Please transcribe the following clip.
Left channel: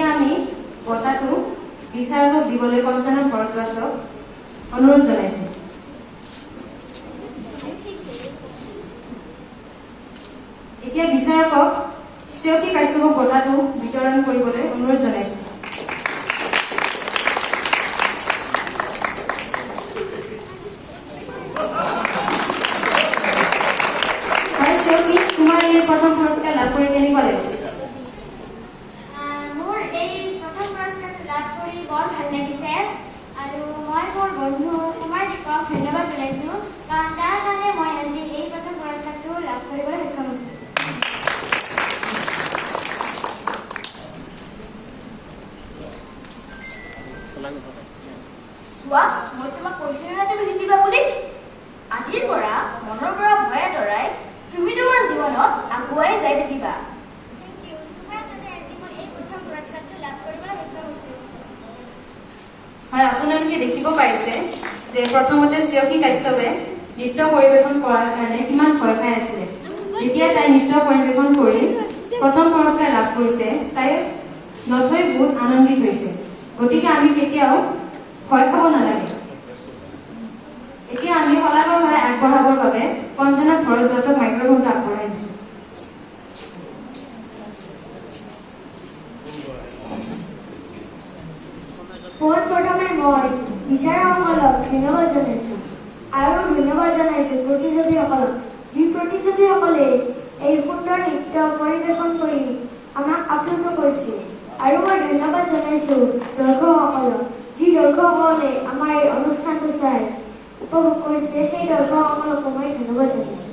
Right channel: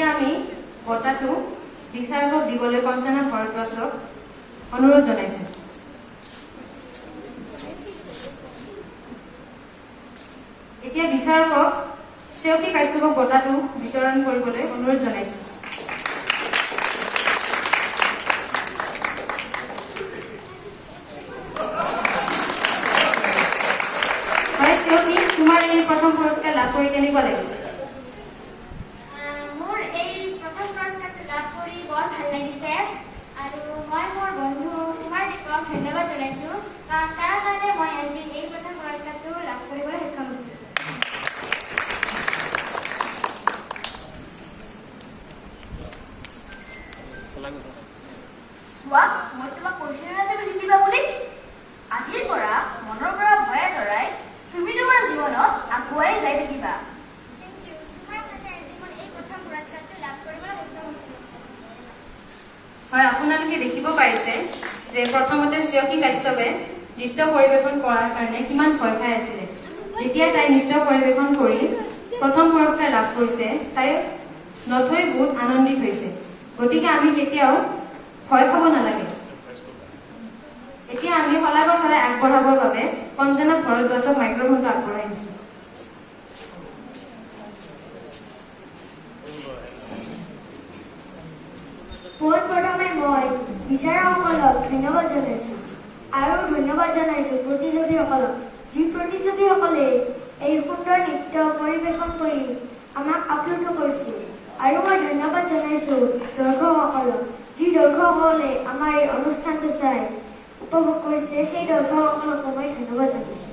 এতিয়া আমি বঁটাটো বিচাৰকক দিবলৈ পঞ্চানন ভৰদ্বাজক অনুৰোধ জনাইছো। এতিয়া বিচাৰকক শ্ৰেয়সী কাশ্যপক বঁটাটো বিতৰণ কৰিবলৈ অনুৰোধ জনাইছো। হয় শ্ৰেয়সী, তোমাৰ এই প্ৰথম পুৰস্কাৰ লাভ কৰি কেনেকুৱা লাগিছে? মোৰ এই প্ৰথম পুৰস্কাৰটো লাভ কৰি বৰ ভাল লাগিছে আৰু মই মোৰ বন্ধু কুমাৰ দীপক ধন্যবাদ জনাইছো, কাৰণ তাৰ কাৰণে মই আজি এই প্ৰথম পুৰস্কাৰটো লাভ কৰিবলৈ সক্ষম হৈছো। চোৱা, মই তোমাক কৈছিলো না তুমি জিতিবা বুলি। আজিৰ পৰা মনৰ পৰা ভয় আঁতৰাই তুমি তোমাৰ জীৱনত আগুৱাই যাই থাকিবা। Thank you. তোমাৰ কাৰণে আজি মই এই প্ৰথম পুৰস্কাৰটো লাভ কৰিবলৈ সক্ষম হৈছো। হয়, আপোনালোকে দেখিব পাৰিছে যে প্ৰথমতে শ্ৰেয়সী কাশ্যপে নৃত্য পৰিৱেশন কৰাৰ কাৰণে কিমান ভয় খাই আছিলে। যেতিয়া তাই নৃত্য পৰিৱেশন কৰি প্ৰথম পুৰস্কাৰ লাভ কৰিছে, তাই নথৈ বহুত আনন্দিত হৈছে। গতিকে আমি কেতিয়াও ভয় খাব নালাগে। এতিয়া আমি শলাগৰ ফালে আগবঢ়াবৰ বাবে পঞ্চানন ভৰদ্বাজক মাইক্ৰফোনটো আগবঢ়াই দিছো। পোনপ্ৰথমে মই বিচাৰকসকলক ধন্যবাদ জনাইছো আৰু ধন্যবাদ জনাইছো প্ৰতিযোগীসকলক, যি প্ৰতিযোগীসকলে এই সুন্দৰ নৃত্য পৰিৱেশন কৰি আমাক আপ্লুত কৰিছিল। আৰু মই ধন্যবাদ জনাইছো দৰ্শকসকলক, যি দৰ্শকসকলে আমাৰ এই অনুষ্ঠানটো চাই উপভোগ কৰিছে, সেই দৰ্শকসকলকো মই ধন্যবাদ জনাইছো।